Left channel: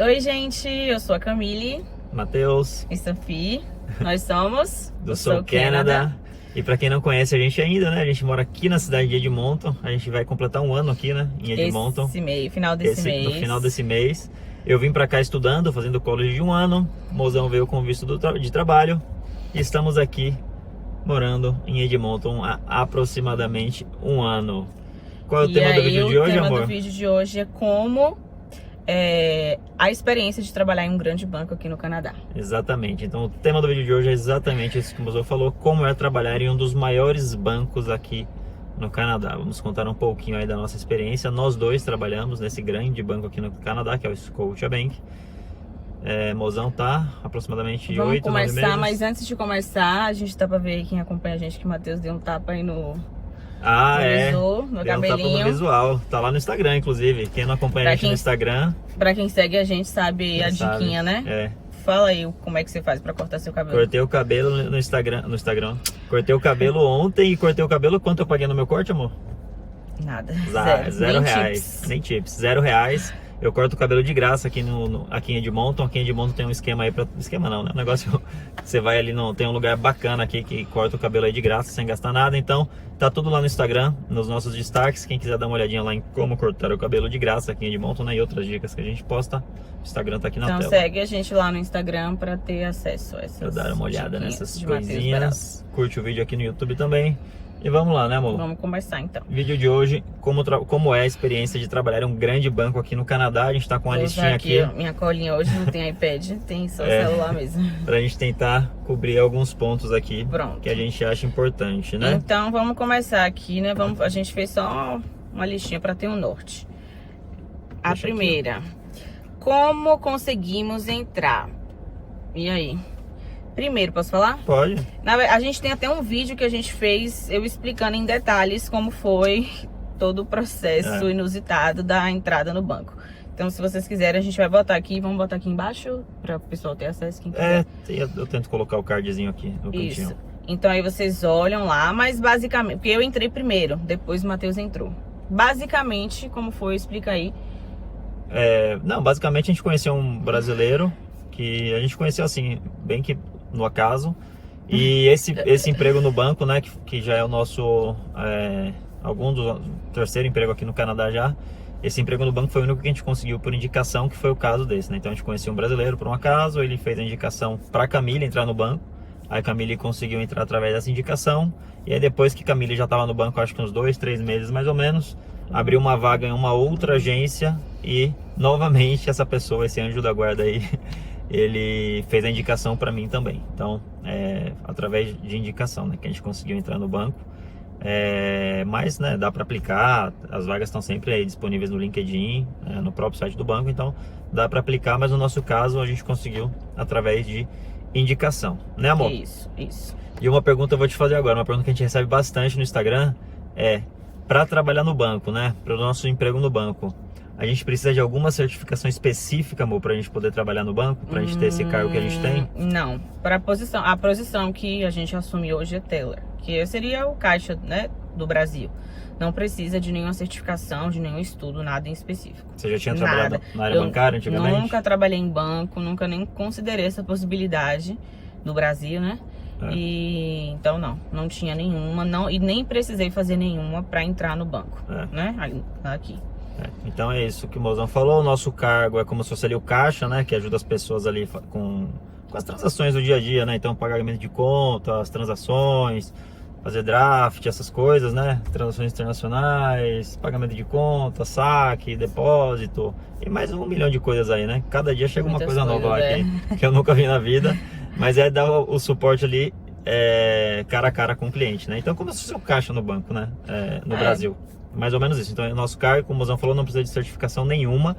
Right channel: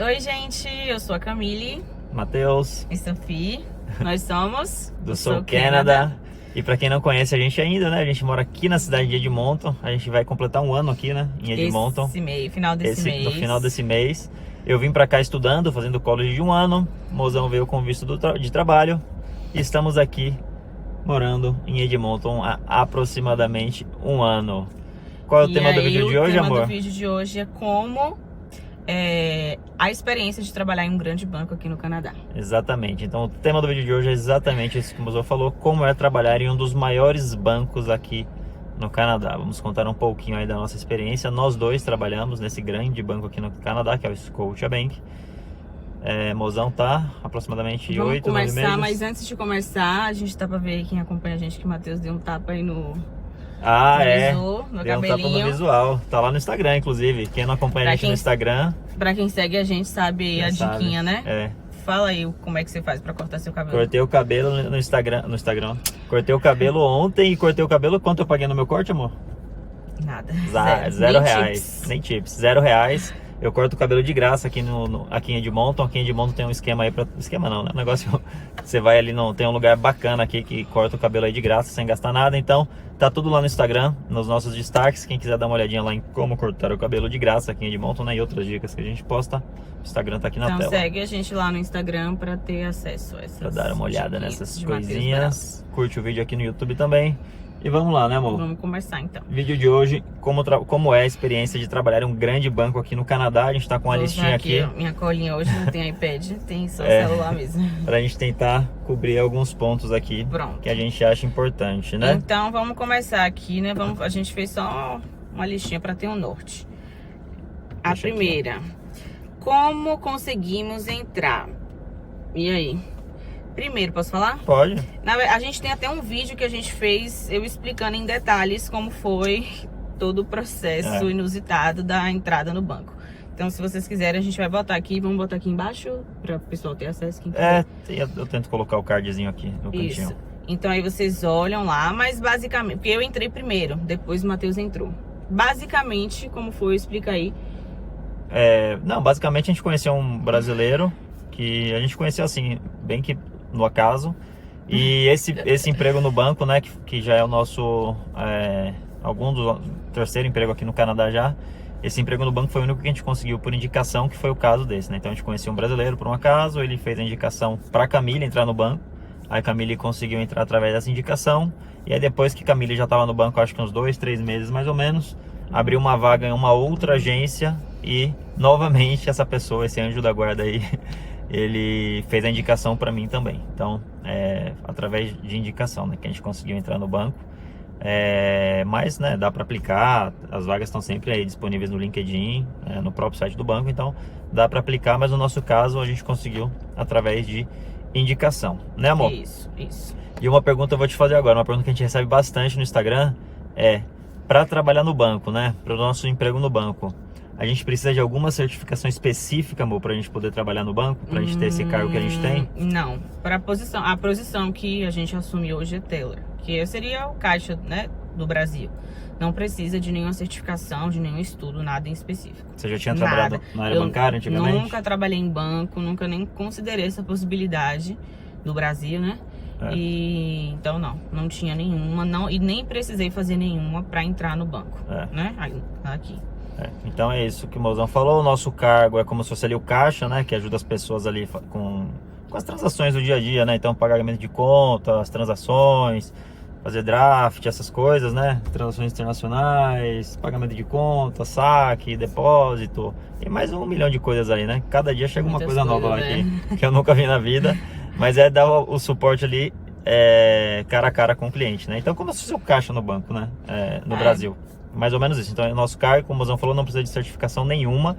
Oi, gente, eu sou a Camille Matheus, e Sophie. Nós somos do Sou Canada. E pra quem não conhece a gente ainda, né? A gente mora aqui na cidade de Edmonton. A gente vai completar um ano aqui, né? Em Edmonton. Final desse mês. No final desse mês. Eu vim pra cá estudando, fazendo college de um ano. O mozão veio com visto de trabalho. E estamos aqui morando em Edmonton há aproximadamente um ano. Qual é o tema do vídeo de hoje, amor? O tema do vídeo de hoje é como a experiência de trabalhar em um grande banco aqui no Canadá. Exatamente. Então o tema do vídeo de hoje é exatamente isso que o Mozão falou, como é trabalhar em um dos maiores bancos aqui no Canadá. Vamos contar um pouquinho aí da nossa experiência. Nós dois trabalhamos nesse grande banco aqui no Canadá, que é o Scotiabank. Mozão tá aproximadamente 8, 9 meses. Vamos começar, mas antes de começar, a gente tá pra ver aí quem acompanha a gente, que o Matheus deu um tapa aí no visor, no cabelinho. No visual. Tá lá no Instagram, inclusive. Quem não acompanha a gente no Instagram... Pra quem segue a gente sabe a diquinha, né? É. Fala aí como é que você faz pra cortar seu cabelo. Cortei o cabelo no Instagram. Cortei o cabelo ontem e cortei o cabelo. Quanto eu paguei no meu corte, amor? Nada. Zero reais. Nem tips. R$0. Eu corto o cabelo de graça aqui aqui em Edmonton. Aqui em Edmonton tem um esquema aí esquema não, né? Um negócio você vai ali, tem um lugar bacana aqui que corta o cabelo aí de graça, sem gastar nada. Então, tá tudo lá no Instagram, nos nossos destaques. Quem quiser dar uma olhadinha lá em como cortar o cabelo de graça aqui em Edmonton, né? E outras dicas que a gente posta, o Instagram tá aqui na tela. Então segue a gente lá no Instagram pra ter acesso a essas pra dar uma olhada nessas de coisinhas. Curte o vídeo aqui no YouTube também. E vamos lá, né, amor? Vamos conversar então. Vídeo de hoje, como é a experiência de trabalhar em um grande banco aqui no Canadá. A gente tá com uma listinha aqui. Minha colinha hoje não tem iPad, tem só celular mesmo. Pra gente tentar cobrir alguns pontos aqui. Pronto. Que a gente acha importante, né? Então vamos começar aqui, né? A gente fez só uma listinha pra ter um norte. A primeira, como conseguimos entrar? E aí? Primeiro, posso falar? Pode. A gente tem até um vídeo que a gente fez, eu explicando em detalhes como foi todo o processo inusitado da entrada no banco. Então, se vocês quiserem, a gente vai botar aqui, vamos botar aqui embaixo para o pessoal ter acesso, quem quiser. Eu tento colocar o cardzinho aqui no cantinho. Isso. Então, aí vocês olham lá, mas basicamente, porque eu entrei primeiro, depois o Matheus entrou. Basicamente, como foi, explica aí. Não, basicamente a gente conheceu um brasileiro que a gente conheceu assim, bem que no acaso, e esse emprego no banco, né, que já é o nosso terceiro emprego aqui no Canadá já. Esse emprego no banco foi o único que a gente conseguiu por indicação, que foi o caso desse, né? Então a gente conheceu um brasileiro por um acaso, ele fez a indicação para Camille entrar no banco, aí Camille conseguiu entrar através dessa indicação, e aí depois que Camille já estava no banco, acho que uns 2, 3 meses mais ou menos, abriu uma vaga em uma outra agência e novamente essa pessoa, esse anjo da guarda aí, ele fez a indicação para mim também. Então, através de indicação, né, que a gente conseguiu entrar no banco. Mas, né, dá para aplicar, as vagas estão sempre aí disponíveis no LinkedIn, no próprio site do banco, então dá para aplicar, mas no nosso caso a gente conseguiu através de indicação, né, amor? Isso. E uma pergunta eu vou te fazer agora, uma pergunta que a gente recebe bastante no Instagram para trabalhar no banco, né, para o nosso emprego no banco, a gente precisa de alguma certificação específica, amor, pra gente poder trabalhar no banco? Pra gente ter esse cargo que a gente tem? Não. A posição que a gente assume hoje é teller, que seria o caixa, né, do Brasil. Não precisa de nenhuma certificação, de nenhum estudo, nada em específico. Você já tinha trabalhado na área bancária antigamente? Nunca trabalhei em banco, nunca nem considerei essa possibilidade no Brasil, né? E então não tinha nenhuma, e nem precisei fazer nenhuma pra entrar no banco, né? Aqui. Então é isso que o Mozão falou, o nosso cargo é como se fosse ali o caixa, né, que ajuda as pessoas ali com as transações do dia a dia, né, então pagamento de conta, as transações, fazer draft, essas coisas, né, transações internacionais, pagamento de conta, saque, depósito, e mais 1 milhão de coisas aí, né, cada dia chega uma coisa nova lá que eu nunca vi na vida, mas dar o suporte ali cara a cara com o cliente, né, então como se fosse o caixa no banco, né, no Brasil. Mais ou menos isso. Então, o nosso cargo, como o Mozão falou, não precisa de certificação nenhuma,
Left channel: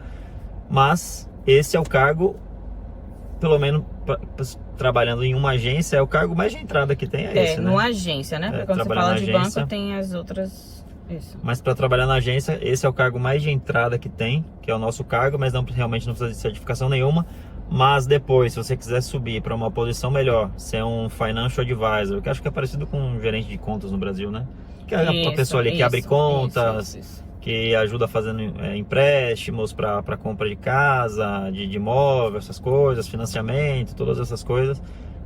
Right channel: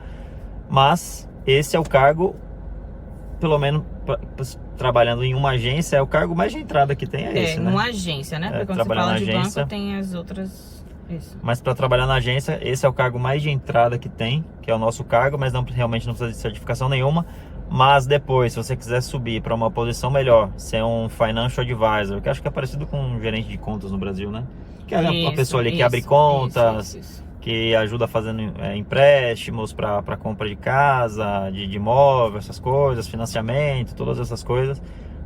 mas esse é o cargo, pelo menos trabalhando em uma agência, é o cargo mais de entrada que tem, esse, né? Numa agência, né? Porque quando você fala de banco, tem as outras... Isso. Mas para trabalhar na agência, esse é o cargo mais de entrada que tem, que é o nosso cargo, mas realmente não precisa de certificação nenhuma. Mas depois, se você quiser subir para uma posição melhor, ser um financial advisor, que acho que é parecido com um gerente de contas no Brasil, né? Que é a pessoa ali que abre contas, que ajuda fazendo empréstimos para compra de casa, de imóvel, essas coisas, financiamento, todas essas coisas.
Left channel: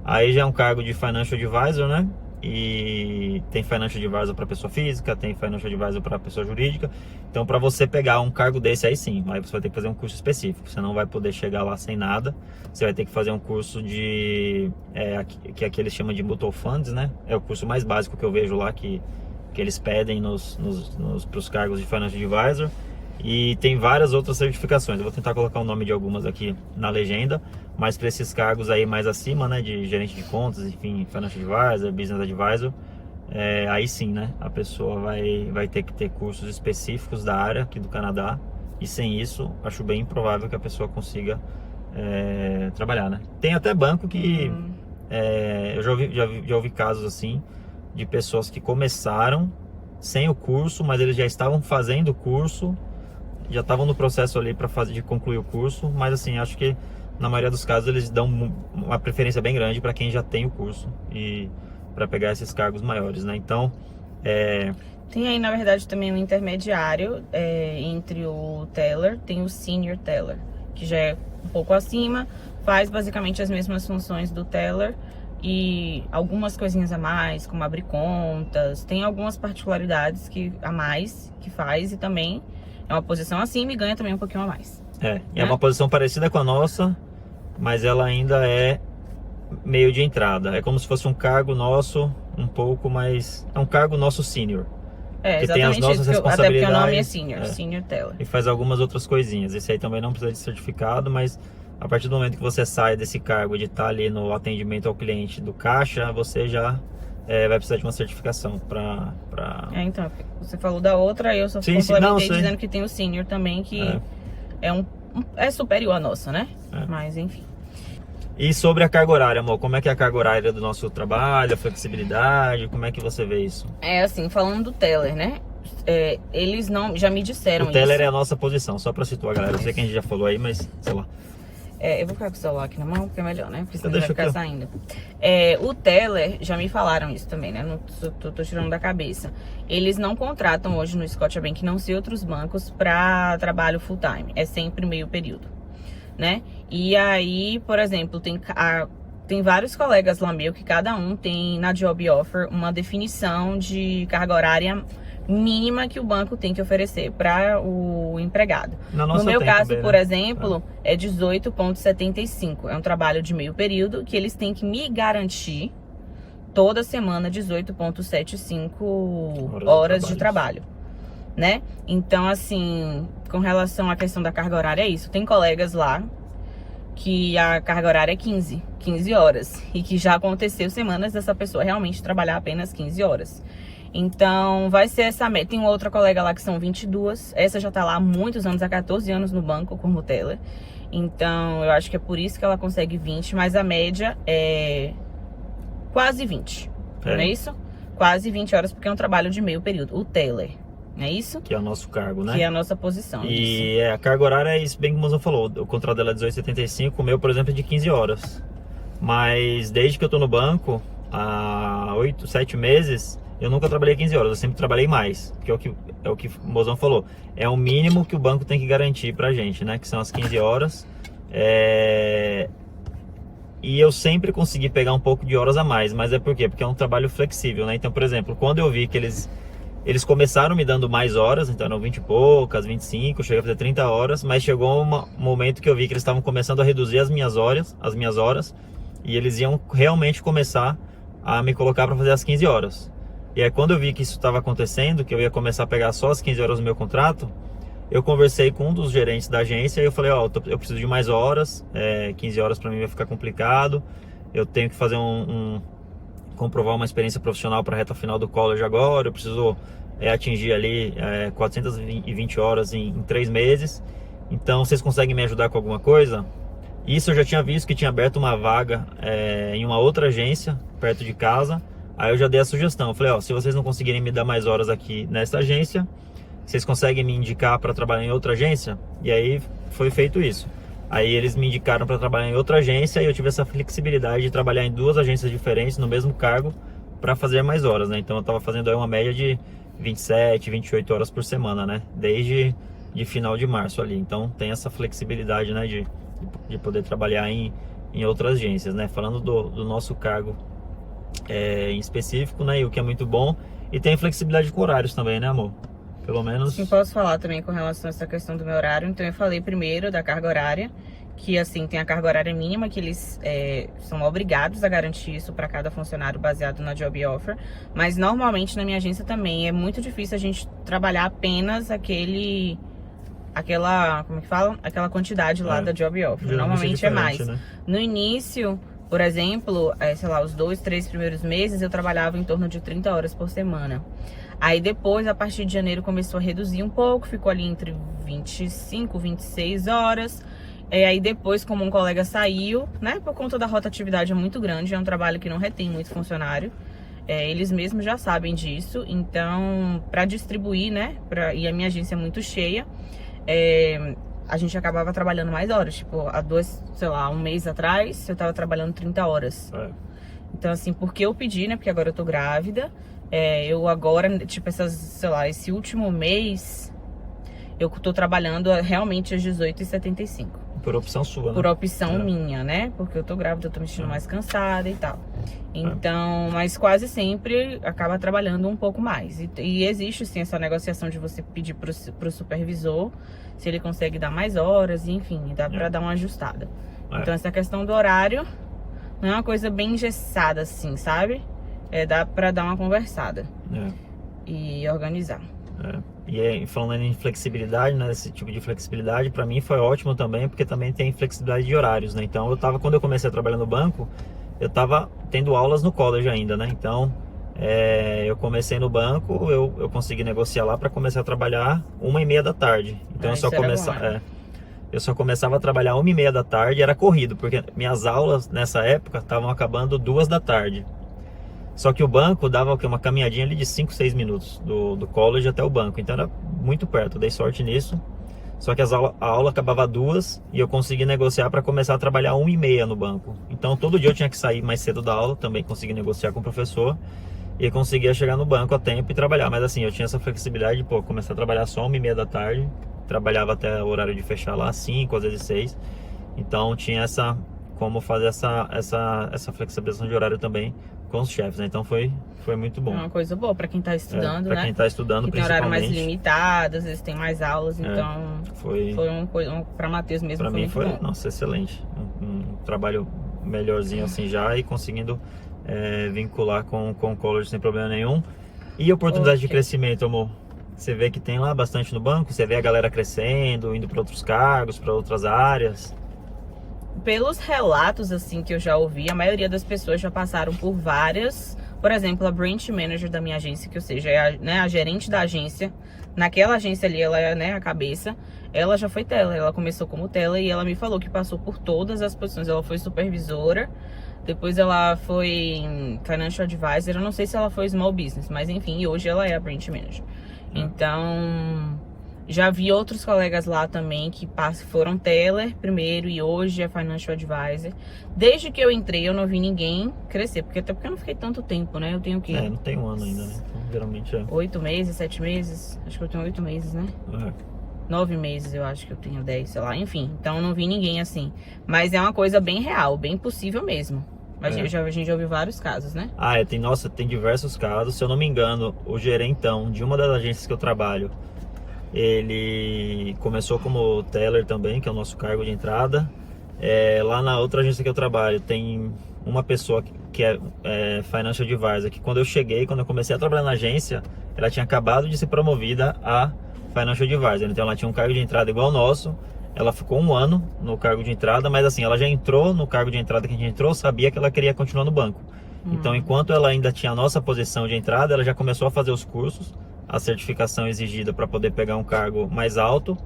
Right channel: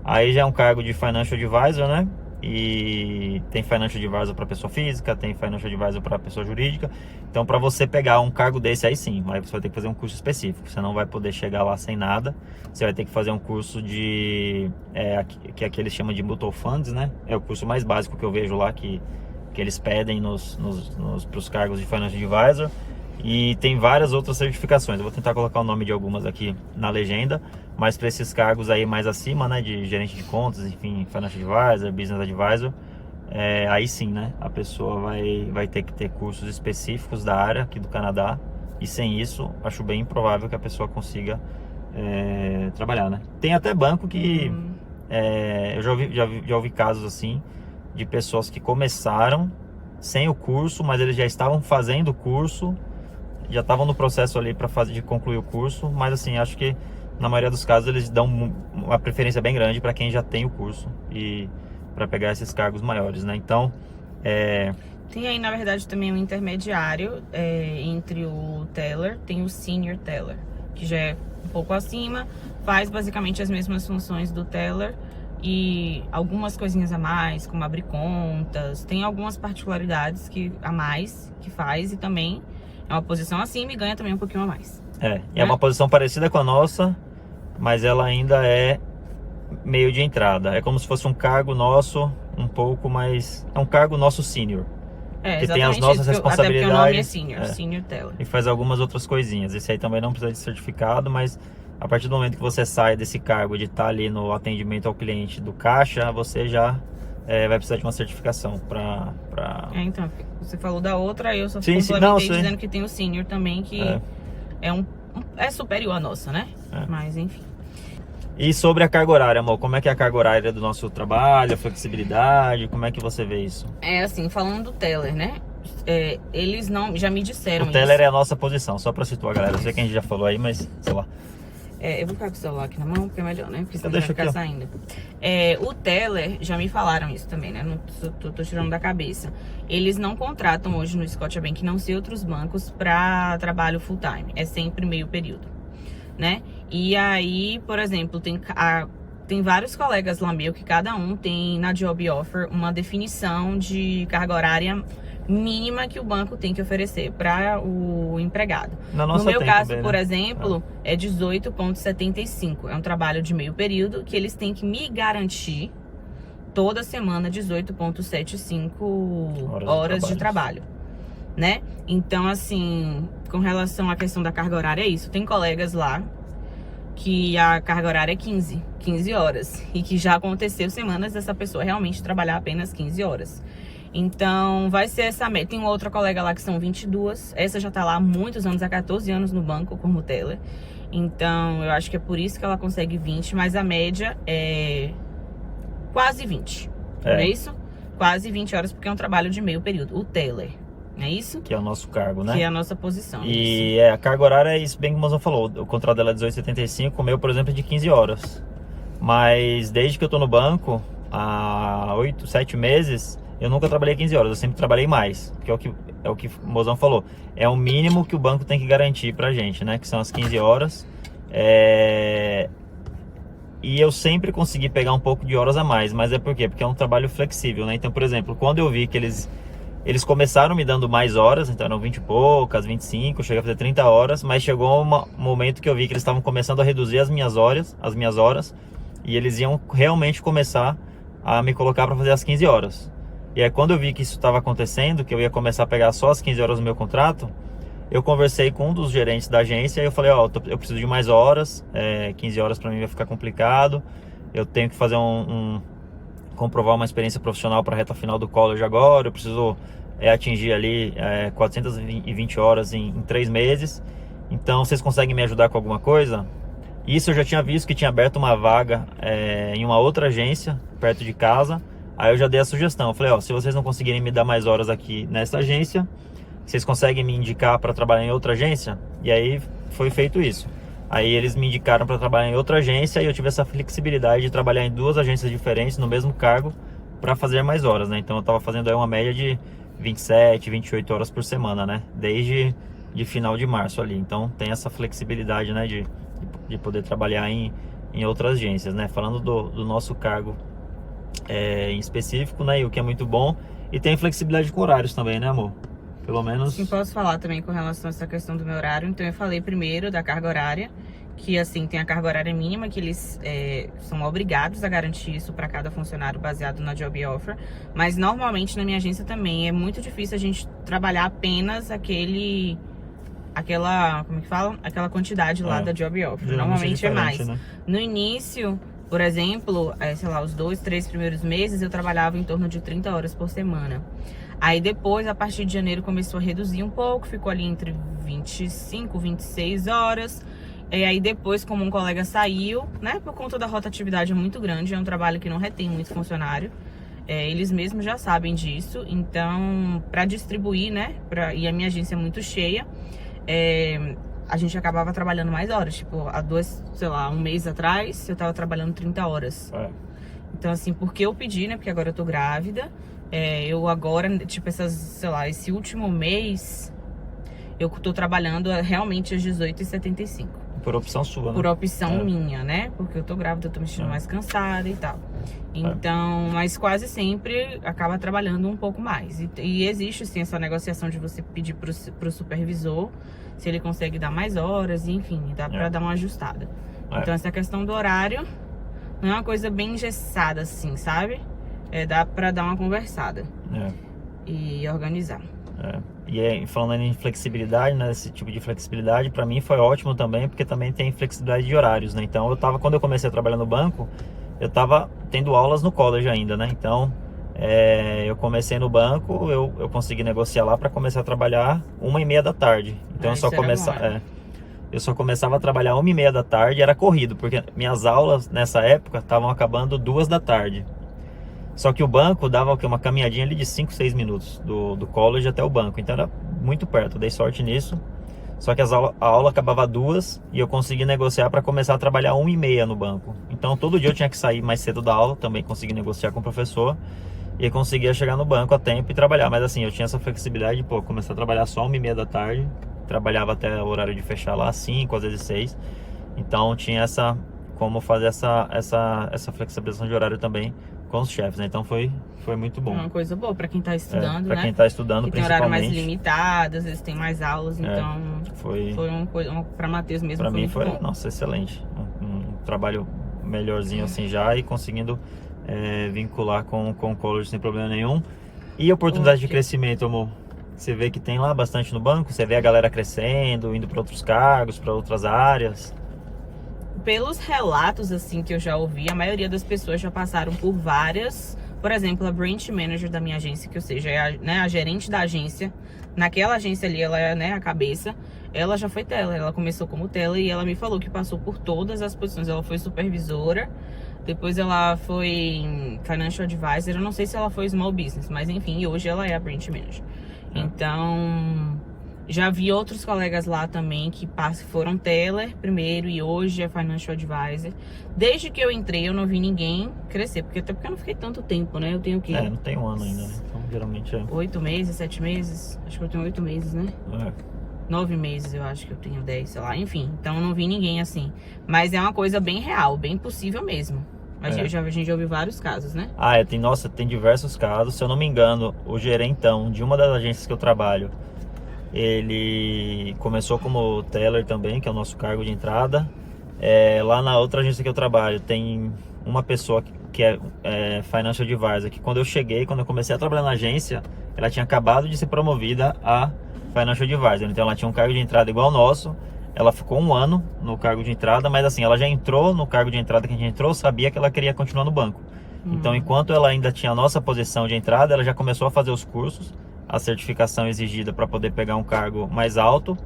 Aí já é um cargo de Financial Advisor, né? E tem Financial Advisor para pessoa física, tem Financial Advisor para pessoa jurídica. Então, para você pegar um cargo desse aí sim, aí você vai ter que fazer um curso específico. Você não vai poder chegar lá sem nada. Você vai ter que fazer um curso que aqui eles chamam de Mutual Funds, né? É o curso mais básico que eu vejo lá, que eles pedem para os cargos de Financial Advisor. E tem várias outras certificações. Eu vou tentar colocar o nome de algumas aqui na legenda, mas para esses cargos aí mais acima, né, de gerente de contas, enfim, Financial Advisor, Business Advisor, aí sim, né, a pessoa vai ter que ter cursos específicos da área aqui do Canadá, e sem isso, acho bem improvável que a pessoa consiga trabalhar, né. Tem até banco que eu já ouvi casos assim, de pessoas que começaram sem o curso, mas eles já estavam fazendo o curso, já estavam no processo ali de concluir o curso, mas assim, acho que na maioria dos casos eles dão uma preferência bem grande para quem já tem o curso e para pegar esses cargos maiores, né? Então, tem aí, na verdade, também um intermediário entre o teller, tem o senior teller, que já é um pouco acima, faz basicamente as mesmas funções do teller e algumas coisinhas a mais, como abrir contas, tem algumas particularidades a mais que faz, e também é uma posição acima e ganha também um pouquinho a mais. É uma posição parecida com a nossa, mas ela ainda é meio de entrada. É como se fosse um cargo nosso, um pouco mais... É um cargo nosso senior. Exatamente tem as nossas isso, até porque o nome é senior, senior teller. E faz algumas outras coisinhas. Esse aí também não precisa de certificado, mas a partir do momento que você sai desse cargo de estar ali no atendimento ao cliente do caixa, você já vai precisar de uma certificação para... Então, você falou da outra, eu só complementei dizendo que tem o senior também, que é superior à nossa, né? Mas, enfim. E sobre a carga horária, amor, como é que é a carga horária do nosso trabalho, a flexibilidade, como é que você vê isso? Assim, falando do teller, né? Eles já me disseram isso. O teller é a nossa posição, só pra situar, galera. Eu sei que a gente já falou aí, mas sei lá. Eu vou ficar com o celular aqui na mão, porque é melhor, né? Porque senão vai ficar saindo. O teller, já me falaram isso também, né? Não tô tirando da cabeça. Eles não contratam hoje no Scotiabank, não sei outros bancos, pra trabalho full time. É sempre meio período, né? E aí, por exemplo, tem vários colegas lá meu que cada um tem na job offer uma definição de carga horária mínima que o banco tem que oferecer para o empregado. No meu caso, também, por exemplo, é 18,75. É um trabalho de meio período que eles têm que me garantir toda semana 18,75 horas de trabalho, né? Então, assim, com relação à questão da carga horária, é isso. Tem colegas lá que a carga horária é 15 horas e que já aconteceu semanas dessa pessoa realmente trabalhar apenas 15 horas. Então, vai ser essa meta. Tem outra colega lá que são 22. Essa já tá lá há muitos anos, há 14 anos no banco como teller. Então, eu acho que é por isso que ela consegue 20, mas a média é quase 20. Não é isso? Quase 20 horas, porque é um trabalho de meio período. O teller, não é isso? Que é o nosso cargo, né? Que é a nossa posição. E a carga horária é isso, bem como o Mozão falou. O contrato dela é 18,75, o meu, por exemplo, é de 15 horas. Mas desde que eu tô no banco, há 7 meses... Eu nunca trabalhei 15 horas, eu sempre trabalhei mais, que é o que o Mozão falou. É o mínimo que o banco tem que garantir pra gente, né? Que são as 15 horas. E eu sempre consegui pegar um pouco de horas a mais, mas é por quê? Porque é um trabalho flexível, né? Então, por exemplo, quando eu vi que eles começaram me dando mais horas, então eram 20 e poucas, 25, eu cheguei a fazer 30 horas, mas chegou um momento que eu vi que eles estavam começando a reduzir as minhas horas, e eles iam realmente começar a me colocar para fazer as 15 horas. E aí, quando eu vi que isso estava acontecendo, que eu ia começar a pegar só as 15 horas no meu contrato, eu conversei com um dos gerentes da agência e eu falei, eu preciso de mais horas, 15 horas para mim vai ficar complicado, eu tenho que fazer comprovar uma experiência profissional para a reta final do college agora, eu preciso atingir ali 420 horas em 3 meses, então vocês conseguem me ajudar com alguma coisa? Isso eu já tinha visto que tinha aberto uma vaga em uma outra agência, perto de casa. Aí eu já dei a sugestão, eu falei, se vocês não conseguirem me dar mais horas aqui nessa agência, vocês conseguem me indicar para trabalhar em outra agência? E aí foi feito isso. Aí eles me indicaram para trabalhar em outra agência e eu tive essa flexibilidade de trabalhar em 2 agências diferentes no mesmo cargo para fazer mais horas, né? Então eu estava fazendo aí uma média de 27, 28 horas por semana, né? Desde de final de março ali. Então tem essa flexibilidade, né? De poder trabalhar em outras agências, né? Falando do nosso cargo em específico, né? E o que é muito bom. E tem flexibilidade com horários também, né, amor? Pelo menos... Sim, posso falar também com relação a essa questão do meu horário. Então eu falei primeiro da carga horária, que assim, tem a carga horária mínima, que eles são obrigados a garantir isso para cada funcionário baseado na job offer. Mas normalmente na minha agência também é muito difícil a gente trabalhar apenas aquela, como é que fala? Aquela quantidade lá da job offer. Normalmente é mais. Né? No início, por exemplo, sei lá, os 2, 3 primeiros meses eu trabalhava em torno de 30 horas por semana. Aí depois, a partir de janeiro, começou a reduzir um pouco, ficou ali entre 25, 26 horas. Aí depois, como um colega saiu, né, por conta da rotatividade é muito grande, é um trabalho que não retém muito funcionário. Eles mesmos já sabem disso, então, para distribuir, né, e a minha agência é muito cheia, a gente acabava trabalhando mais horas. Tipo, um mês atrás, eu tava trabalhando 30 horas. Então, assim, porque eu pedi, né, porque agora eu tô grávida, eu agora, tipo, esse último mês, eu tô trabalhando realmente às 18h75. Por opção sua, né? Por opção minha, né? Porque eu tô grávida, eu tô me sentindo mais cansada e tal. Então, mas quase sempre acaba trabalhando um pouco mais. E existe, sim, essa negociação de você pedir pro supervisor se ele consegue dar mais horas, enfim, dá pra dar uma ajustada. Então, essa questão do horário não é uma coisa bem engessada, assim, sabe? Dá pra dar uma conversada e organizar. E falando em flexibilidade, né, esse tipo de flexibilidade para mim foi ótimo também, porque também tem flexibilidade de horários, né? Então quando eu comecei a trabalhar no banco, eu tava tendo aulas no college ainda, né? Então eu comecei no banco, eu consegui negociar lá para começar a trabalhar 1h30 da tarde. Então eu só começava a trabalhar 1h30 da tarde, era corrido, porque minhas aulas nessa época estavam acabando 2 da tarde. Só que o banco dava uma caminhadinha ali de 5, 6 minutos do college até o banco. Então era muito perto, eu dei sorte nisso. Só que a aula acabava 2 e eu consegui negociar para começar a trabalhar 1h30 no banco. Então todo dia eu tinha que sair mais cedo da aula, também consegui negociar com o professor. E conseguia chegar no banco a tempo e trabalhar. Mas assim, eu tinha essa flexibilidade de começar a trabalhar só 1h30 da tarde. Trabalhava até o horário de fechar lá, 5, às vezes 6. Então tinha como fazer essa flexibilização de horário também com os chefes, né? Então foi muito bom. É uma coisa boa para quem tá estudando, né? Para quem tá estudando, que tem horário mais limitado, às vezes tem mais aulas, então foi uma coisa, para Matheus mesmo, foi muito bom. Nossa, excelente. Um trabalho melhorzinho assim já e conseguindo vincular com o college sem problema nenhum. E oportunidade de crescimento, amor? Você vê que tem lá bastante no banco? Você vê a galera crescendo, indo para outros cargos, para outras áreas? Pelos relatos, assim, que eu já ouvi, a maioria das pessoas já passaram por várias. Por exemplo, a branch manager da minha agência, que ou seja, a gerente da agência. Naquela agência ali, ela é, a cabeça. Ela já foi teller, ela começou como teller e ela me falou que passou por todas as posições. Ela foi supervisora, depois ela foi financial advisor. Eu não sei se ela foi small business, mas enfim, e hoje ela é a branch manager. Então... já vi outros colegas lá também que foram teller primeiro e hoje é financial advisor. Desde que eu entrei, eu não vi ninguém crescer, até porque eu não fiquei tanto tempo, né? Eu tenho o quê? Não tem um ano ainda, né? Então geralmente 8 meses, 7 meses? Acho que eu tenho 8 meses, né? 9 meses, eu acho que eu tenho 10, sei lá. Enfim, então eu não vi ninguém assim. Mas é uma coisa bem real, bem possível mesmo. A gente já ouviu vários casos, né? Tem diversos casos. Se eu não me engano, o gerentão de uma das agências que eu trabalho, ele começou como teller também, que é o nosso cargo de entrada. Lá na outra agência que eu trabalho, tem uma pessoa que é financial advisor, que quando eu comecei a trabalhar na agência, ela tinha acabado de ser promovida a financial advisor. Então ela tinha um cargo de entrada igual ao nosso. Ela ficou 1 ano no cargo de entrada, mas assim, ela já entrou no cargo de entrada que a gente entrou, sabia que ela queria continuar no banco. Então, enquanto ela ainda tinha a nossa posição de entrada, ela já começou a fazer os cursos, a certificação exigida para poder pegar um cargo mais alto.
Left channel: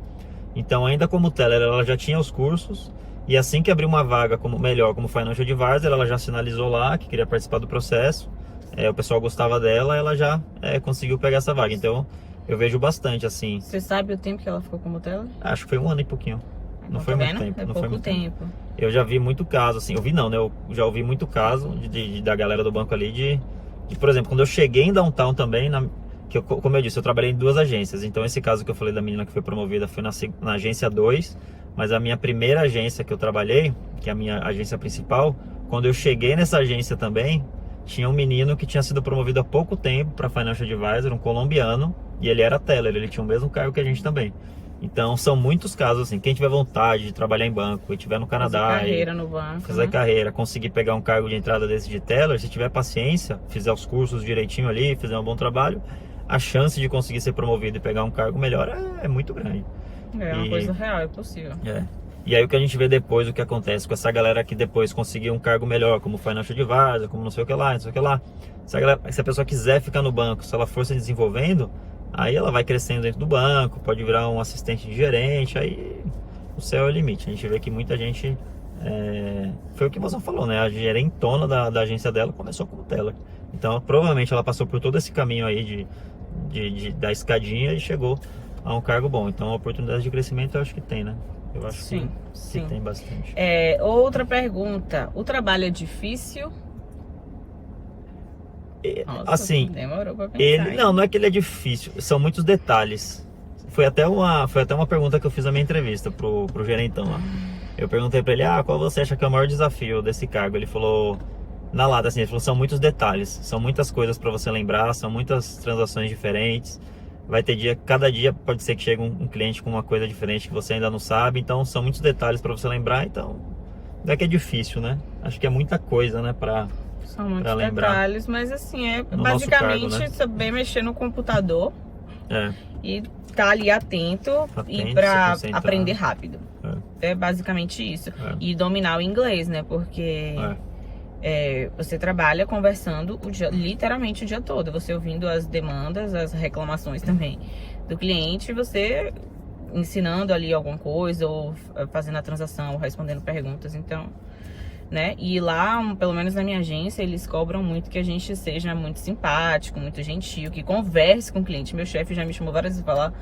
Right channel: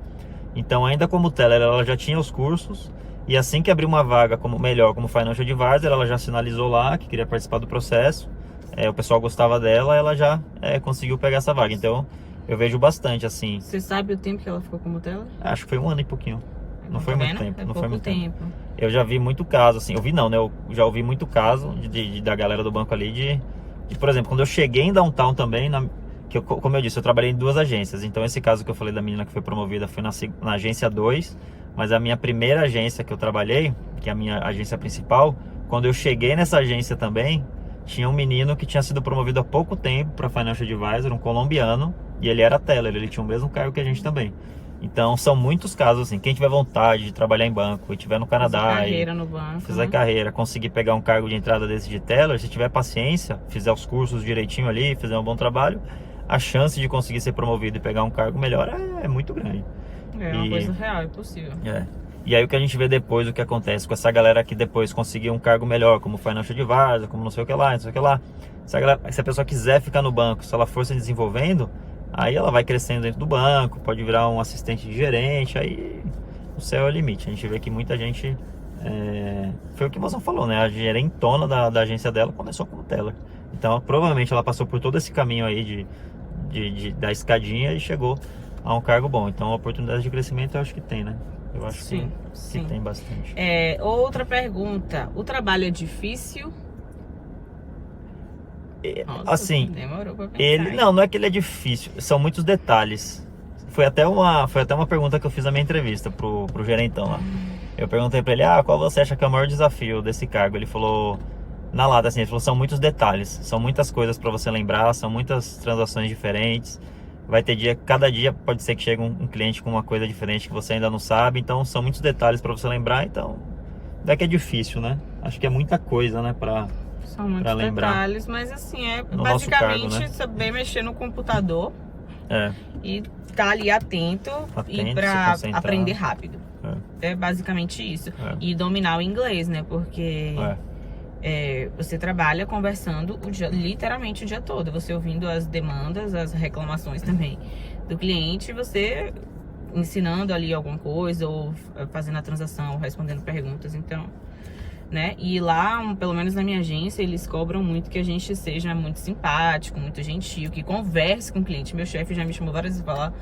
Então, ainda como teller, ela já tinha os cursos, e assim que abriu uma vaga como financial advisor, ela já sinalizou lá que queria participar do processo. O pessoal gostava dela, ela já conseguiu pegar essa vaga. Então, eu vejo bastante, assim. Você sabe o tempo que ela ficou como teller? Acho que foi 1 ano e pouquinho. Não foi muito tempo. É pouco tempo. Eu já vi muito caso, assim. Eu vi não, né? Eu já ouvi muito caso da galera do banco ali de, por exemplo, quando eu cheguei em Downtown também, que como eu disse, eu trabalhei em 2 agências. Então esse caso que eu falei da menina que foi promovida foi na agência 2, mas a minha primeira agência que eu trabalhei, que é a minha agência principal, quando eu cheguei nessa agência também, tinha um menino que tinha sido promovido há pouco tempo para Financial Advisor, um colombiano, e ele era teller, ele tinha o mesmo cargo que a gente também. Então são muitos casos assim, quem tiver vontade de trabalhar em banco e estiver no Canadá, fazer carreira no banco, fazer carreira, conseguir pegar um cargo de entrada desse de teller, se tiver paciência, fizer os cursos direitinho ali, fizer um bom trabalho, a chance de conseguir ser promovido e pegar um cargo melhor é muito grande. É uma coisa real, é possível. E aí o que a gente vê depois, o que acontece com essa galera que depois conseguiu um cargo melhor, como Financial Advisor, como não sei o que lá, não sei o que lá. Se a pessoa quiser ficar no banco, se ela for se desenvolvendo, aí ela vai crescendo dentro do banco, pode virar um assistente de gerente, aí o céu é o limite. A gente vê que muita gente, foi o que você falou, né? A gerentona da agência dela começou como teller. Então provavelmente ela passou por todo esse caminho aí da escadinha e chegou a um cargo bom. Então oportunidade de crescimento eu acho que tem, né? Eu acho sim. que tem bastante. Outra pergunta, o trabalho é difícil? Nossa, assim, demorou pra pensar. não é que ele é difícil, são muitos detalhes. Foi até uma pergunta que eu fiz na minha entrevista pro gerentão lá. Eu perguntei pra ele, qual você acha que é o maior desafio desse cargo? Ele falou, na lata assim, ele falou, são muitos detalhes, são muitas coisas pra você lembrar, são muitas transações diferentes. Vai ter cada dia pode ser que chegue um cliente com uma coisa diferente que você ainda não sabe, então são muitos detalhes para você lembrar, então não é que é difícil, né? Acho que é muita coisa, né, são muitos detalhes, mas assim, basicamente cargo, né? Saber mexer no computador e estar ali atento e para aprender rápido. É basicamente isso. E dominar o inglês, né? Porque você trabalha conversando literalmente o dia todo, você ouvindo as demandas, as reclamações também do cliente, você ensinando ali alguma coisa, ou fazendo a transação, ou respondendo perguntas, então, né? E lá, pelo menos na minha agência, eles cobram muito que a gente seja muito simpático, muito gentil, que converse com o cliente. Meu chefe já me chamou várias vezes para falar,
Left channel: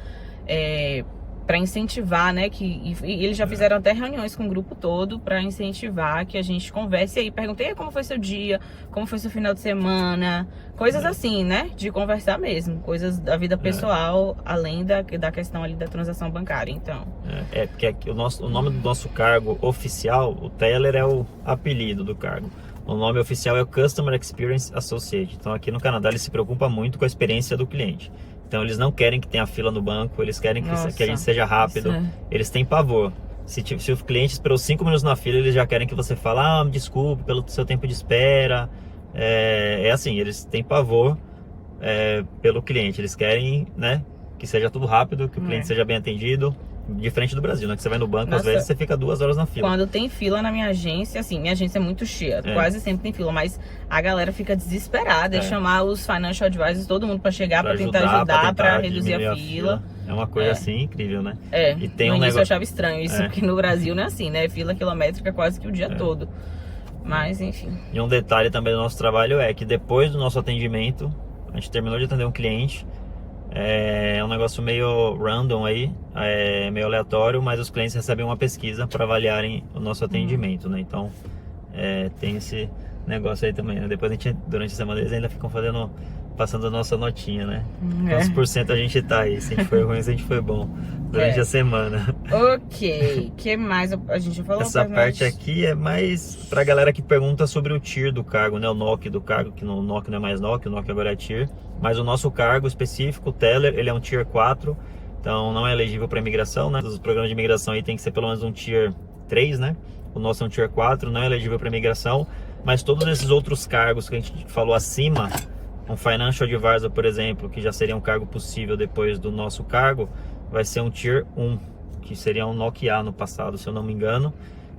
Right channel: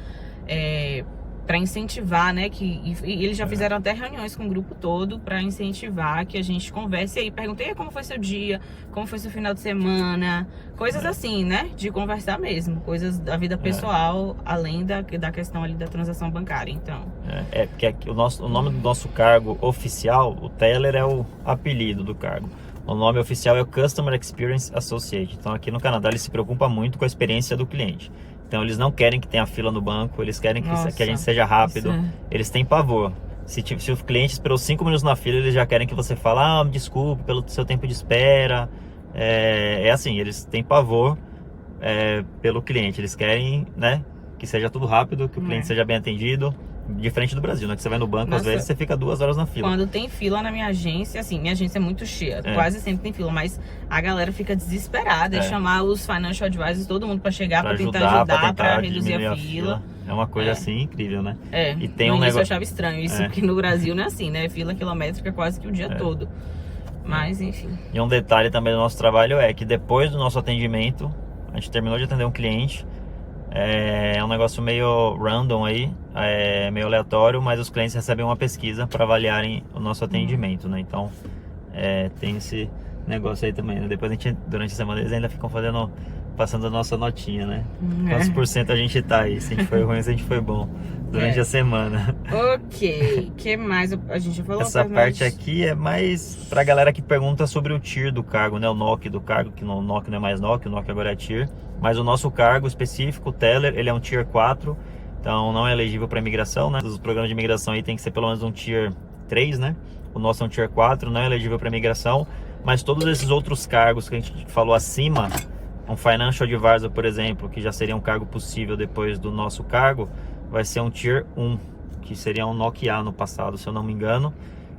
para incentivar, né, e eles já fizeram até reuniões com o grupo todo para incentivar que a gente converse aí, perguntei como foi seu dia, como foi seu final de semana, coisas assim, né, de conversar mesmo, coisas da vida pessoal, além da questão ali da transação bancária, então. Porque o nome do nosso cargo oficial, o teller é o apelido do cargo. O nome oficial é o Customer Experience Associate. Então aqui no Canadá ele se preocupa muito com a experiência do cliente. Então eles não querem que tenha fila no banco, eles querem que a gente seja rápido, eles têm pavor. Se o cliente esperou 5 minutos na fila, eles já querem que você fale, desculpe pelo seu tempo de espera. Assim, eles têm pavor pelo cliente, eles querem, né, que seja tudo rápido, que o cliente seja bem atendido. Diferente do Brasil, né? Que você vai no banco, às vezes você fica 2 horas na fila. Quando tem fila na minha agência, assim, minha agência é muito cheia, quase sempre tem fila, mas a galera fica desesperada em chamar os financial advisors, todo mundo pra chegar, pra tentar ajudar, pra reduzir a fila. É uma coisa assim incrível, né? E tem no início eu achava estranho isso, porque no Brasil não é assim, né? Fila quilométrica quase que o dia todo. Mas, enfim. E um detalhe também do nosso trabalho é que depois do nosso atendimento, a gente terminou de atender um cliente. É um negócio meio random aí, meio aleatório, mas os clientes recebem uma pesquisa para avaliarem o nosso atendimento, né? Então, tem esse negócio aí também, né? Depois durante a semana eles ainda ficam passando a nossa notinha, né? Quantos por cento a gente tá aí, se a gente foi ruim, se a gente foi bom durante a semana. Ok, o que mais a gente falou? Essa parte aqui é mais pra galera que pergunta sobre o tier do cargo, né? O NOC do cargo, que o NOC não é mais NOC, o NOC agora é tier. Mas o nosso cargo específico, o teller, ele é um tier 4, então não é elegível para imigração, né? Os programas de imigração aí tem que ser pelo menos um tier 3, né? O nosso é um tier 4, não é elegível para imigração, mas todos esses outros cargos que a gente falou acima, um financial advisor, por exemplo, que já seria um cargo possível depois do nosso cargo, vai ser um tier 1, que seria um NOC A no passado, se eu não me engano.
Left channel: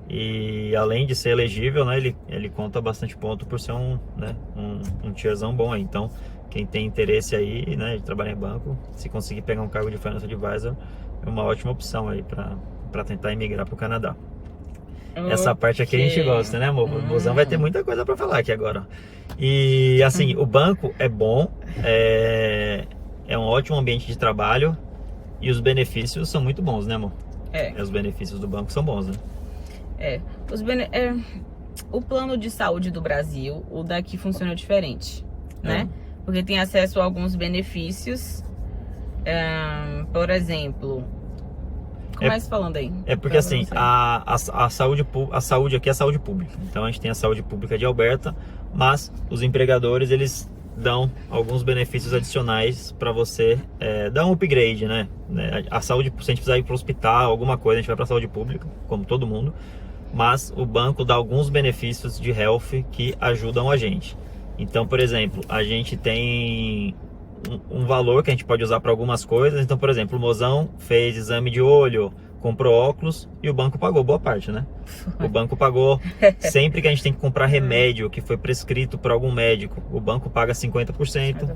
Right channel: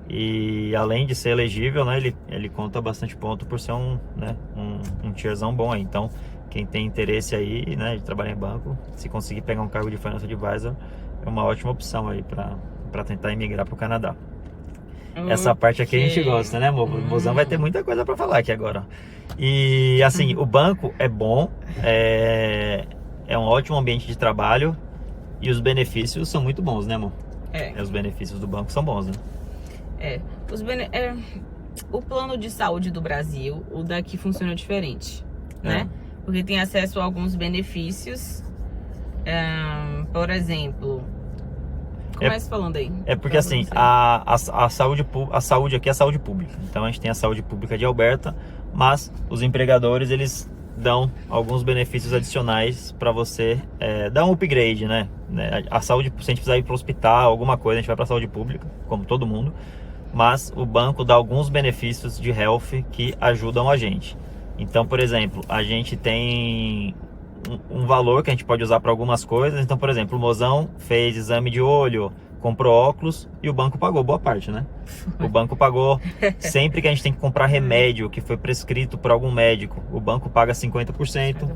E além de ser elegível, né, ele conta bastante ponto por ser um tierzão bom aí. Então, quem tem interesse aí, né, de trabalhar em banco, se conseguir pegar um cargo de financial advisor, é uma ótima opção aí para tentar emigrar para o Canadá. Essa parte aqui a gente gosta, né, amor? O Mozão vai ter muita coisa para falar aqui agora. E assim, o banco é bom, é um ótimo ambiente de trabalho e os benefícios são muito bons, né, amor? Os benefícios do banco são bons, né? O plano de saúde do Brasil, o daqui funciona diferente, né? porque tem acesso a alguns benefícios. Por exemplo, comece falando aí. É porque assim, a saúde aqui é saúde pública. Então a gente tem a saúde pública de Alberta, mas os empregadores, eles dão alguns benefícios adicionais para você dar um upgrade, né? A saúde, se a gente precisar ir para o hospital, alguma coisa, a gente vai para a saúde pública, como todo mundo. Mas o banco dá alguns benefícios de health que ajudam a gente. Então, por exemplo, a gente tem um valor que a gente pode usar para algumas coisas. Então, por exemplo, o mozão fez exame de olho, comprou óculos e o banco pagou boa parte, né? O banco pagou sempre que a gente tem que comprar remédio que foi prescrito por algum médico, o banco paga 50%. 50%.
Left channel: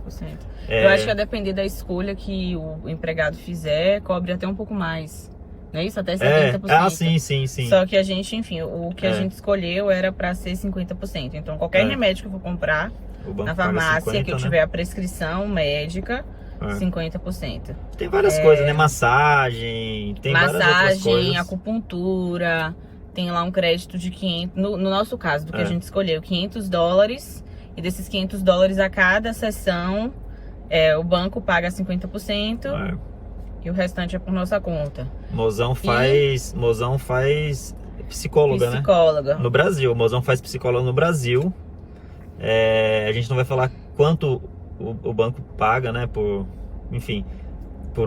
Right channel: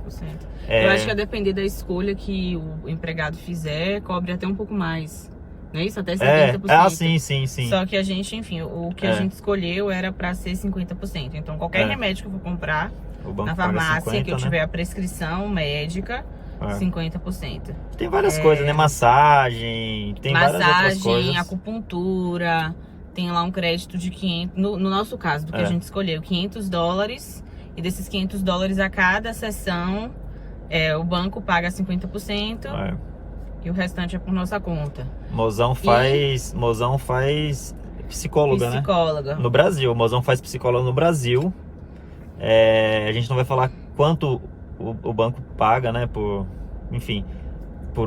Eu acho que a depender da escolha que o empregado fizer, cobre até um pouco mais. Não é isso? Até 70%. Sim. Só que a gente, enfim, o que a gente escolheu era para ser 50%. Então, qualquer remédio que eu for comprar na farmácia, 50, que eu tiver a prescrição médica, 50%. Tem várias coisas, né? Massagem, tem várias outras coisas. Acupuntura, tem lá um crédito de 500, no nosso caso, do que a gente escolheu, $500, e desses $500 a cada sessão, o banco paga 50%, e o restante é por nossa conta. Mozão faz psicóloga, né? No Brasil, o Mozão faz psicóloga no Brasil. A gente não vai falar quanto o banco paga, né, por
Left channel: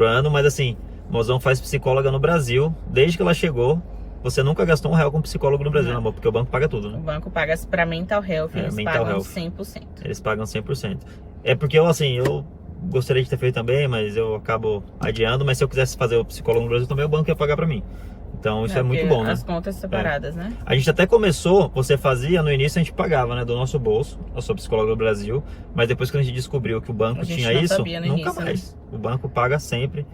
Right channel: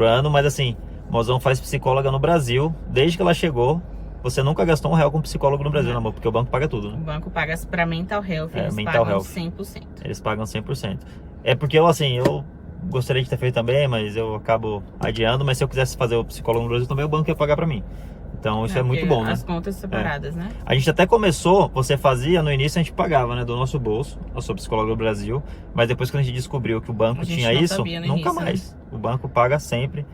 ano, mas assim, Mozão faz psicóloga no Brasil. Desde que ela chegou, você nunca gastou R$1 com psicólogo no Brasil, amor, porque o banco paga tudo, né? O banco paga para mental health, eles pagam 100%. Eles pagam 100%. É porque eu gostaria de ter feito também, mas eu acabo adiando. Mas se eu quisesse fazer o psicólogo no Brasil também, o banco ia pagar para mim. Então isso é muito bom, né? As contas separadas, né? A gente até começou, você fazia, no início a gente pagava, né, do nosso bolso, a sua psicóloga do Brasil, mas depois que a gente descobriu que o banco tinha isso, nunca mais. O banco paga sempre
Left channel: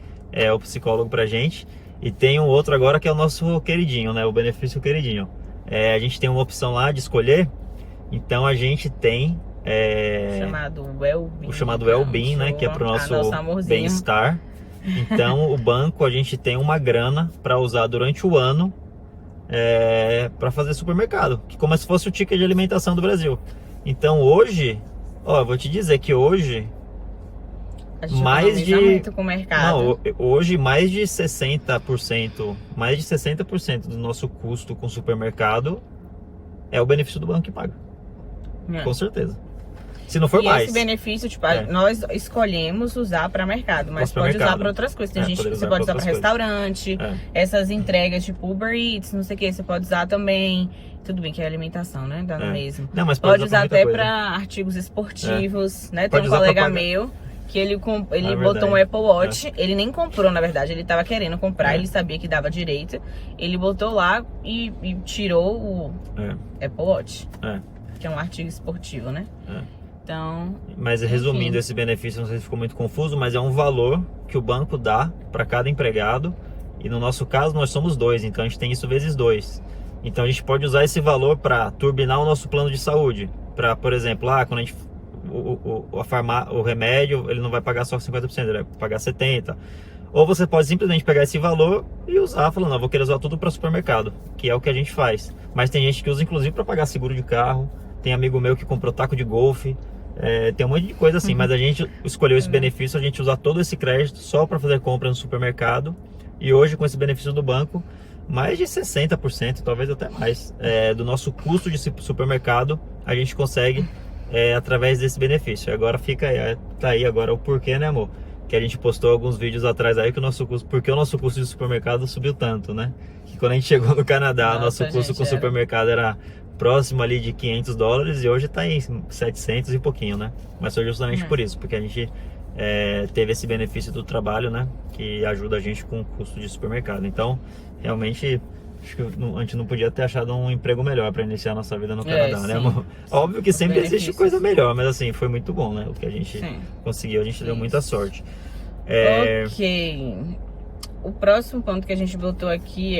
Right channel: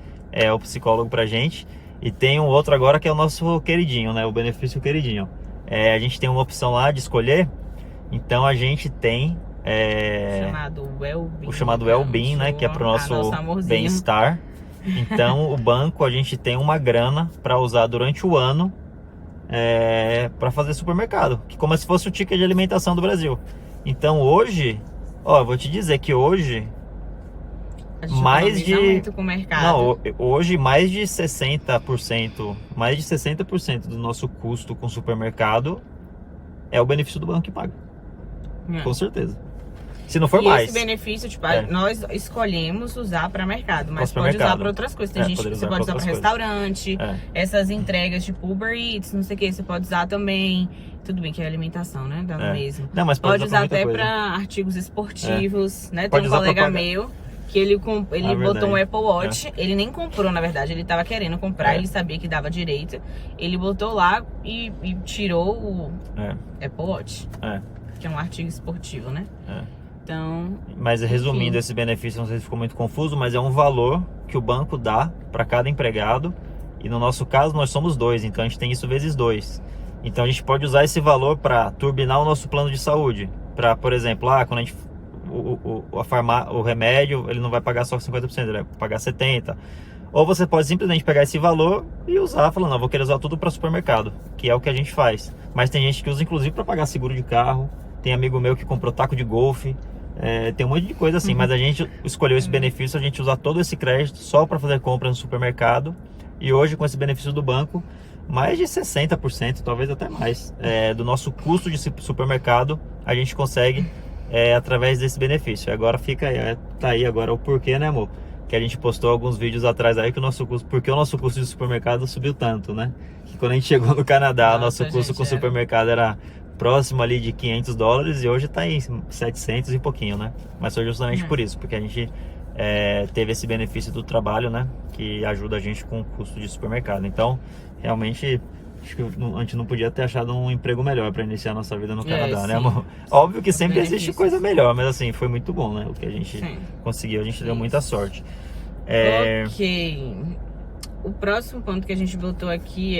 o psicólogo pra gente. E tem um outro agora que é o nosso queridinho, né, o benefício queridinho. A gente tem uma opção lá de escolher, então a gente tem o chamado Wellbeing, né, que é pro nosso bem-estar. Então o banco, a gente tem uma grana para usar durante o ano para fazer supermercado, que como se fosse o ticket de alimentação do Brasil. Então hoje, vou te dizer que hoje a gente muito com o mercado. Hoje mais de 60% do nosso custo com supermercado é o benefício do banco que paga. Com certeza. Se não for mais. Esse benefício, nós escolhemos usar para mercado, mas pode usar para outras coisas. Tem gente que você pode usar para restaurante, essas entregas tipo Uber Eats, não sei o que, você pode usar também. Tudo bem que é alimentação, né? Dá no mesmo. Não, mas pode usar até para artigos esportivos, né? Tem um colega meu que ele botou um Apple Watch, ele nem comprou, na verdade, ele tava querendo comprar, ele sabia que dava direito, ele botou lá e tirou o Apple Watch, que é um artigo esportivo, né? Então, mas resumindo, esse benefício, não sei se ficou muito confuso, mas é um valor que o banco dá para cada empregado. E no nosso caso, nós somos 2, então a gente tem isso vezes 2. Então a gente pode usar esse valor para turbinar o nosso plano de saúde. Para, por exemplo, quando a gente o remédio, ele não vai pagar só 50%, ele vai pagar 70%. Ou você pode simplesmente pegar esse valor e usar, falando, vou querer usar tudo para supermercado, que é o que a gente faz. Mas tem gente que usa inclusive para pagar seguro de carro. Tem amigo meu que comprou taco de golfe. Tem um monte de coisa assim, mas a gente escolheu esse benefício, a gente usar todo esse crédito só para fazer compra no supermercado. E hoje, com esse benefício do banco, mais de 60%, talvez até mais, do nosso custo de supermercado, a gente consegue através desse benefício. Agora tá aí agora o porquê, né, amor? Que a gente postou alguns vídeos atrás aí que porque o nosso custo de supermercado subiu tanto, né? Que quando a gente chegou no Canadá, nosso custo com supermercado era próximo ali de $500 e hoje tá em 700 e pouquinho, né? Mas foi justamente por isso, porque a gente teve esse benefício do trabalho, né? Que ajuda a gente com o custo de supermercado. Então, realmente, acho que a gente não podia ter achado um emprego melhor para iniciar a nossa vida no Canadá, né, amor? Óbvio que sempre existe coisa melhor, mas assim, foi muito bom, né? O que a gente conseguiu, a gente deu muita sorte. Ok. O próximo ponto que a gente botou aqui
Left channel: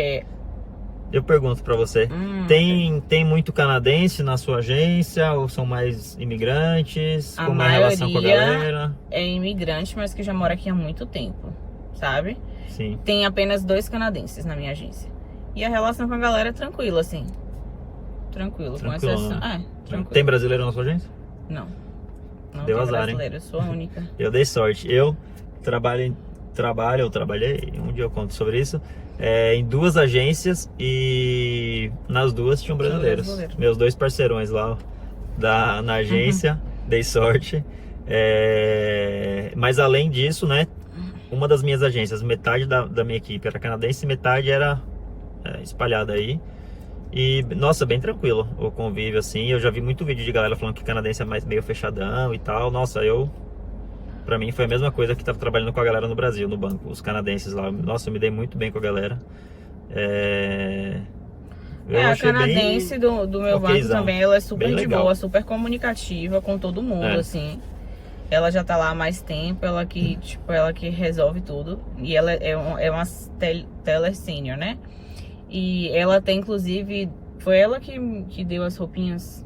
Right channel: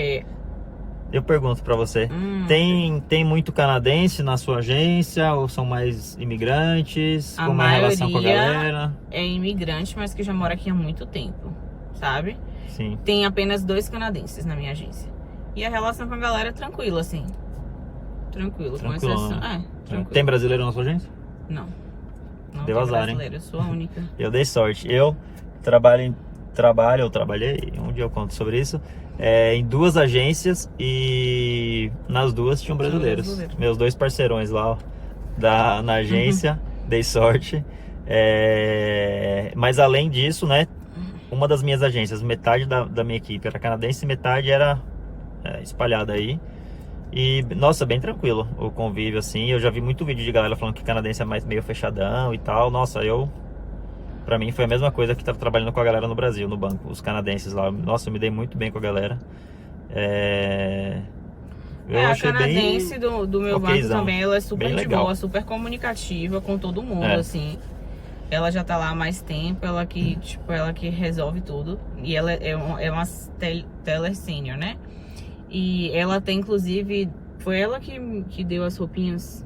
eu pergunto pra você, tem muito canadense na sua agência ou são mais imigrantes? Como é a relação com a galera? É imigrante, mas que já mora aqui há muito tempo, sabe? Sim. Tem apenas 2 canadenses na minha agência. E a relação com a galera é tranquila, assim. Tranquilo, com exceção. Né? Tranquilo. Tem brasileiro na sua agência? Não. Não Deu tem azar, brasileiro, eu sou a única. Eu dei sorte. Eu trabalhei, um dia eu conto sobre isso, em 2 agências e nas 2 tinham brasileiros. Meus 2 parceirões lá na agência, dei sorte. Mas além disso, né, uma das minhas agências, metade da minha equipe era canadense e metade era espalhada aí. E, nossa, bem tranquilo o convívio, assim. Eu já vi muito vídeo de galera falando que canadense é mais meio fechadão e tal. Nossa, pra mim foi a mesma coisa que tava trabalhando com a galera no Brasil, no banco, os canadenses lá. Nossa, eu me dei muito bem com a galera. A canadense do meu banco também, ela é super de boa, super comunicativa com todo mundo, assim. Ela já tá lá há mais tempo, ela que resolve tudo. E ela é uma teller senior, né? E ela tem, inclusive, foi ela que deu as roupinhas.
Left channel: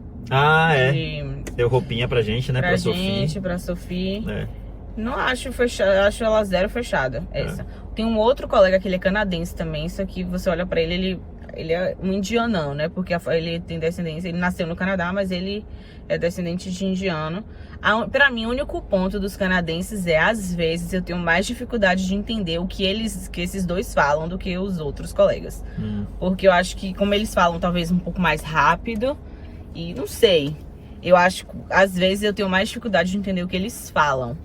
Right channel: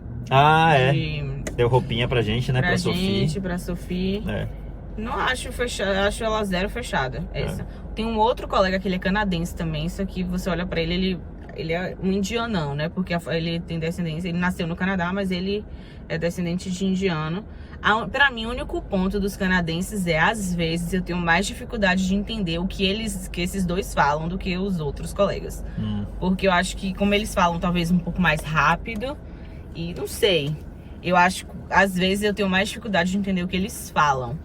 Deu roupinha pra gente, né? Pra gente, pra Sofia. Não acho fechada, acho ela zero fechada, essa. Tem um outro colega que ele é canadense também, só que você olha pra ele é um indianão, né? Porque ele tem descendência, ele nasceu no Canadá, mas ele é descendente de indiano. Pra mim, o único ponto dos canadenses às vezes, eu tenho mais dificuldade de entender o que esses dois falam do que os outros colegas. Porque eu acho que, como eles falam talvez um pouco mais rápido, e não sei, eu acho que às vezes eu tenho mais dificuldade de entender o que eles falam.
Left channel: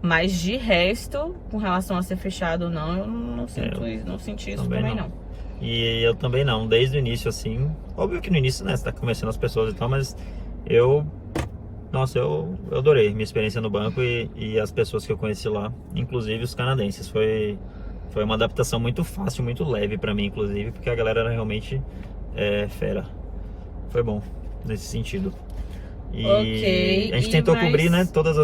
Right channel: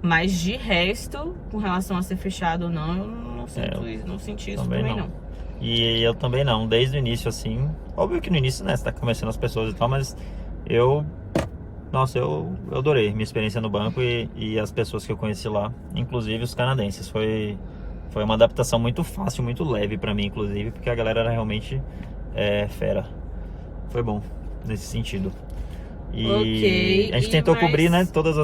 Mas de resto, com relação a ser fechado ou não, eu não senti isso também não. E eu também não, desde o início, assim. Óbvio que no início, né, você tá conhecendo as pessoas e tal, mas eu adorei minha experiência no banco e as pessoas que eu conheci lá, inclusive os canadenses. Foi uma adaptação muito fácil, muito leve pra mim, inclusive, porque a galera era realmente fera. Foi bom nesse sentido. E a gente tentou cobrir, né, todas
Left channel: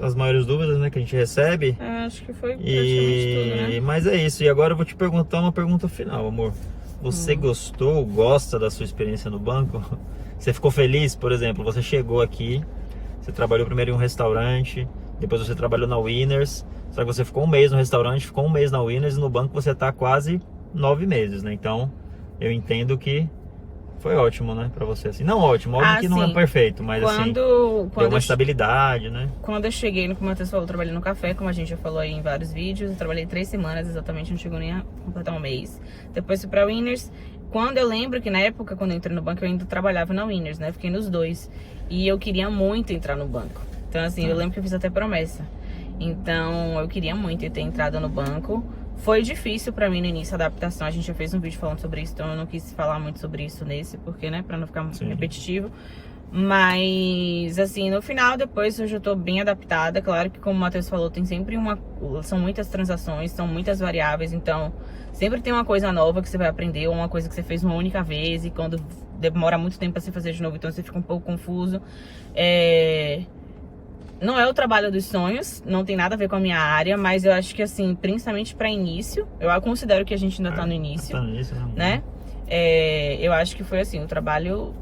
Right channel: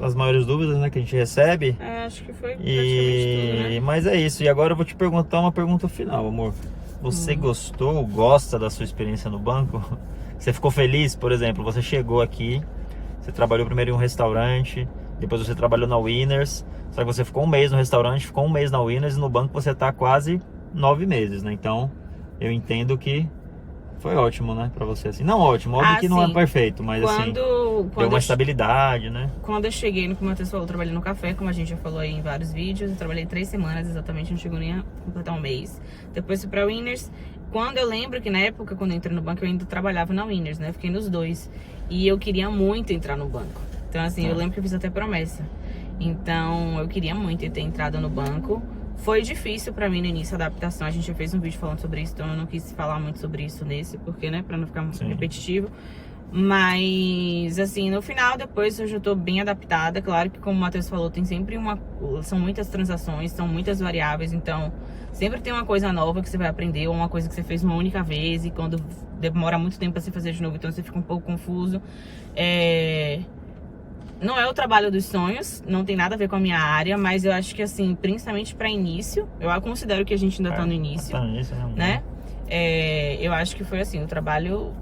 as maiores dúvidas, né, que a gente recebe. Acho que foi praticamente tudo, né? Mas é isso. E agora eu vou te perguntar uma pergunta final, amor. Você gosta da sua experiência no banco? Você ficou feliz, por exemplo, você chegou aqui, você trabalhou primeiro em um restaurante, depois você trabalhou na Winners, só que você ficou 1 mês no restaurante, ficou 1 mês na Winners e no banco você tá quase 9 meses, né? Então, eu entendo que foi ótimo, né, pra você, assim. Não ótimo, óbvio que não é perfeito, mas deu uma estabilidade, né? Quando eu cheguei, como o Matheus falou, eu trabalhei no café, como a gente já falou aí em vários vídeos. Eu trabalhei 3 semanas, exatamente, não chegou nem a completar 1 mês. Depois fui pra Winners. Quando eu lembro que na época, quando eu entrei no banco, eu ainda trabalhava na Winners, né? Fiquei nos 2. E eu queria muito entrar no banco. Então, assim, eu lembro que eu fiz até promessa. Então, eu queria muito ter entrado no banco. Foi difícil pra mim no início a adaptação. A gente já fez um vídeo falando sobre isso, então eu não quis falar muito sobre isso nesse, porque, né, pra não ficar repetitivo. Mas, assim, no final, depois eu já tô bem adaptada. Claro que, como o Matheus falou, tem sempre são muitas transações, são muitas variáveis, então sempre tem uma coisa nova que você vai aprender, ou uma coisa que você fez uma única vez, e quando demora muito tempo pra você fazer de novo, então você fica um pouco confuso. Não é o trabalho dos sonhos, não tem nada a ver com a minha área, mas eu acho que, assim, principalmente para início, eu considero que a gente ainda tá no início, né? Eu acho que foi, assim, um trabalho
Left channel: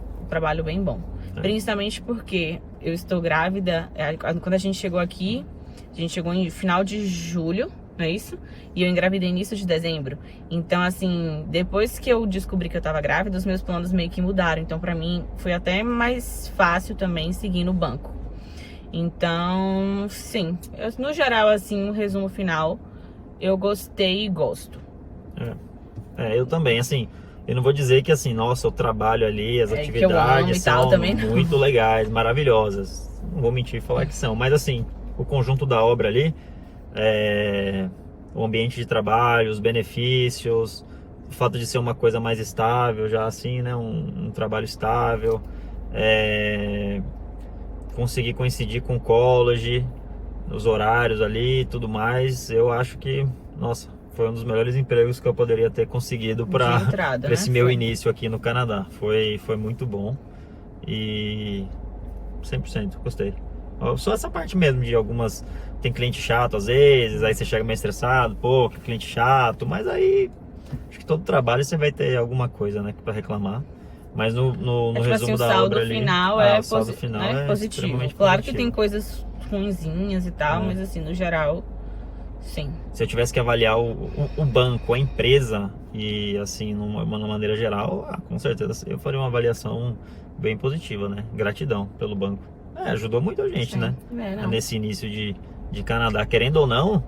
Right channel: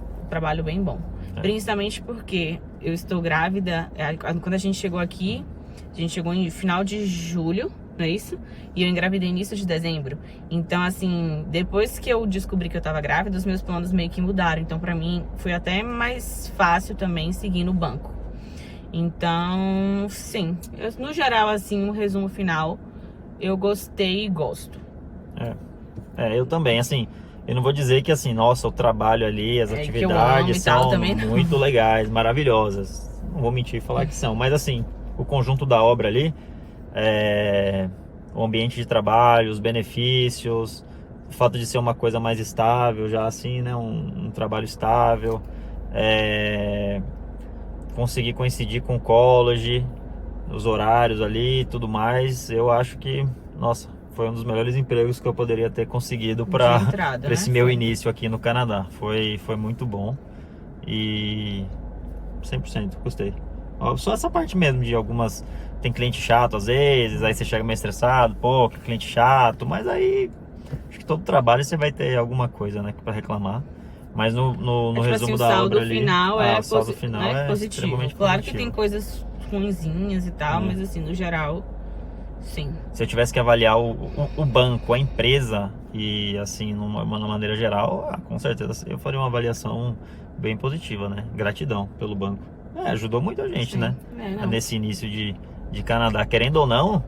bem bom. Principalmente porque eu estou grávida, quando a gente chegou aqui, a gente chegou em final de julho, não é isso? E eu engravidei início de dezembro. Então, assim, depois que eu descobri que eu tava grávida, os meus planos meio que mudaram. Então, pra mim, foi até mais fácil também seguir no banco. Então, sim, no geral, assim, um resumo final, eu gostei e gosto. Eu também, assim, eu não vou dizer que, assim, nossa, o trabalho ali, as atividades são muito legais, maravilhosas. Não vou mentir e falar que são, mas, assim, o conjunto da obra ali, o ambiente de trabalho, os benefícios, o fato de ser uma coisa mais estável, já assim, né, um trabalho estável, conseguir coincidir com o college, os horários ali e tudo mais, eu acho que, nossa, foi um dos melhores empregos que eu poderia ter conseguido para esse meu início aqui no Canadá. Foi muito bom e 100% gostei. Só essa parte mesmo de algumas... Tem cliente chato às vezes, aí você chega meio estressado, pô, que cliente chato, mas aí acho que todo trabalho você vai ter alguma coisa, né, para reclamar. Mas no tipo resumo assim, da obra ali, o saldo final é positivo. Claro que tem coisas ruinzinhas e tal, mas assim, no geral, sim. Se eu tivesse que avaliar o banco, a empresa e assim, numa maneira geral, com certeza eu faria uma avaliação bem positiva, né? Gratidão pelo banco. Ajudou muita gente, Sim. né? Não. Nesse início de Canadá. Querendo ou não,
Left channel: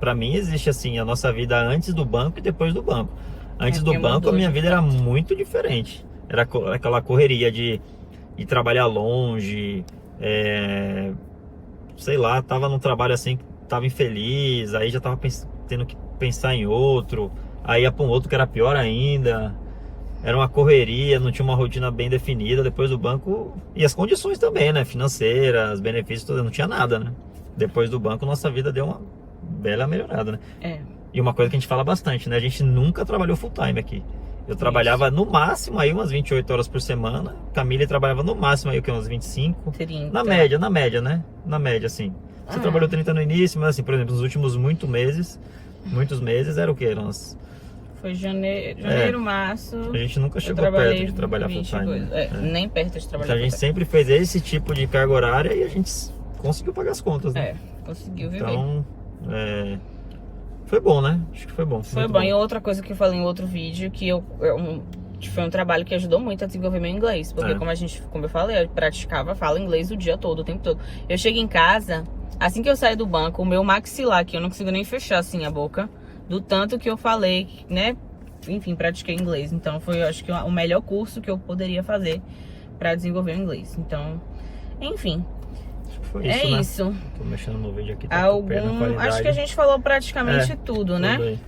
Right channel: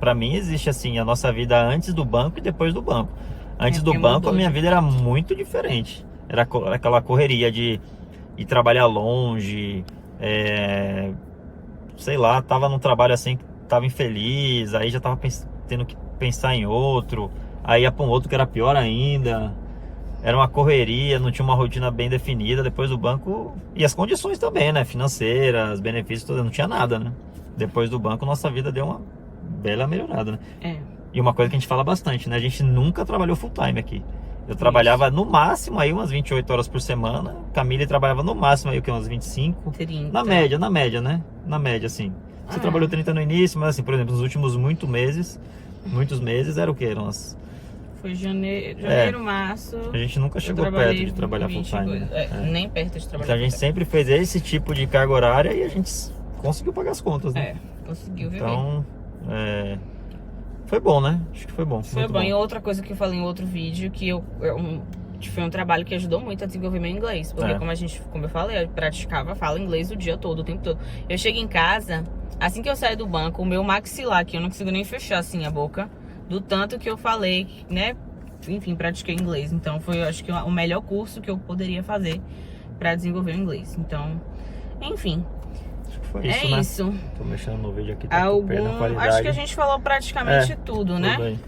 pra mim existe assim a nossa vida antes do banco e depois do banco. Antes do porque banco mudou a minha de vida era fato. muito diferente. Era aquela correria de trabalhar longe, sei lá, tava num trabalho assim, tava infeliz, aí já tava tendo que pensar em outro, aí ia pra um outro que era pior ainda. Era uma correria, não tinha uma rotina bem definida. Depois do banco, e as condições também, né? Financeiras, benefícios, todos, não tinha nada, né? Depois do banco, nossa vida deu uma bela melhorada, né? E uma coisa que a gente fala bastante, né? A gente nunca trabalhou full time aqui. Eu trabalhava no máximo aí umas 28 horas por semana. Camille trabalhava no máximo aí umas 25. 30. Na média, né? Na média, assim. Você trabalhou 30 no início, mas assim, por exemplo, nos últimos muitos meses era o quê? Foi janeiro, março. A gente nunca chegou perto de trabalhar full time. Né? Nem perto de trabalhar então a gente sempre fez esse tipo de carga horária e a gente conseguiu pagar as contas, né? Conseguiu viver. Então, foi bom, né? Acho que foi bom. Foi bom. E outra coisa que eu falei em outro vídeo, que foi um trabalho que ajudou muito a desenvolver meu inglês. Porque como eu falei, eu falo inglês o dia todo, o tempo todo. Eu chego em casa, assim que eu saio do banco, o meu maxilar aqui, eu não consigo nem fechar assim a boca, do tanto que eu falei, né? Enfim, pratiquei inglês. Então foi, eu acho que o melhor curso que eu poderia fazer pra desenvolver o inglês. Então, enfim. Foi isso, né? Isso. Tô mexendo no vídeo aqui, tá perdendo qualidade. Acho que a gente falou praticamente tudo, né? Aí.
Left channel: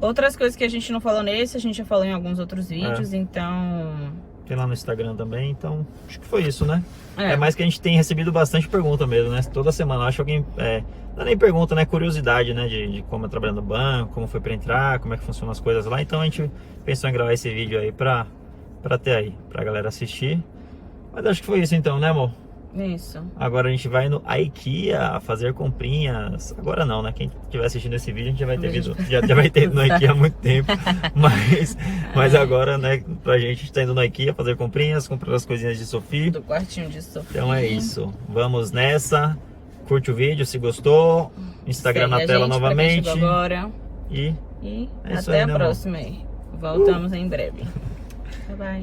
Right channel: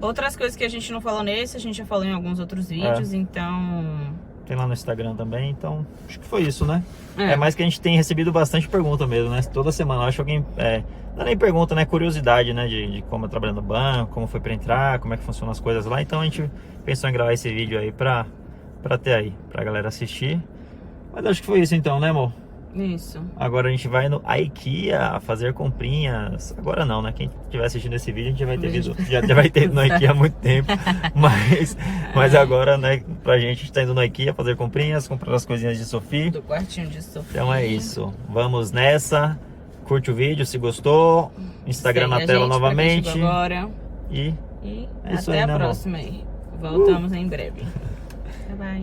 Outras coisas que a gente não falou nesse, a gente já falou em alguns outros vídeos, então... Tem lá no Instagram também, então acho que foi isso, né? É mais que a gente tem recebido bastante pergunta mesmo, né? Toda semana, acho que alguém... não é nem pergunta, né? Curiosidade, né? De como é trabalhar no banco, como foi pra entrar, como é que funcionam as coisas lá. Então a gente pensou em gravar esse vídeo aí pra ter aí, pra galera assistir. Mas acho que foi isso então, né, amor? Isso. Agora a gente vai no IKEA fazer comprinhas. Agora não, né? Quem estiver assistindo esse vídeo, a gente já vai ter ido, já vai ter ido no IKEA há muito tempo. Mas agora, né, pra gente, a gente tá indo no IKEA fazer comprinhas, comprar as coisinhas de Sophie. Do quartinho de Sophie. Então é isso. Vamos nessa. Curte o vídeo se gostou. Instagram na tela novamente. Agora. E até a próxima aí. Voltamos em breve. Bye bye.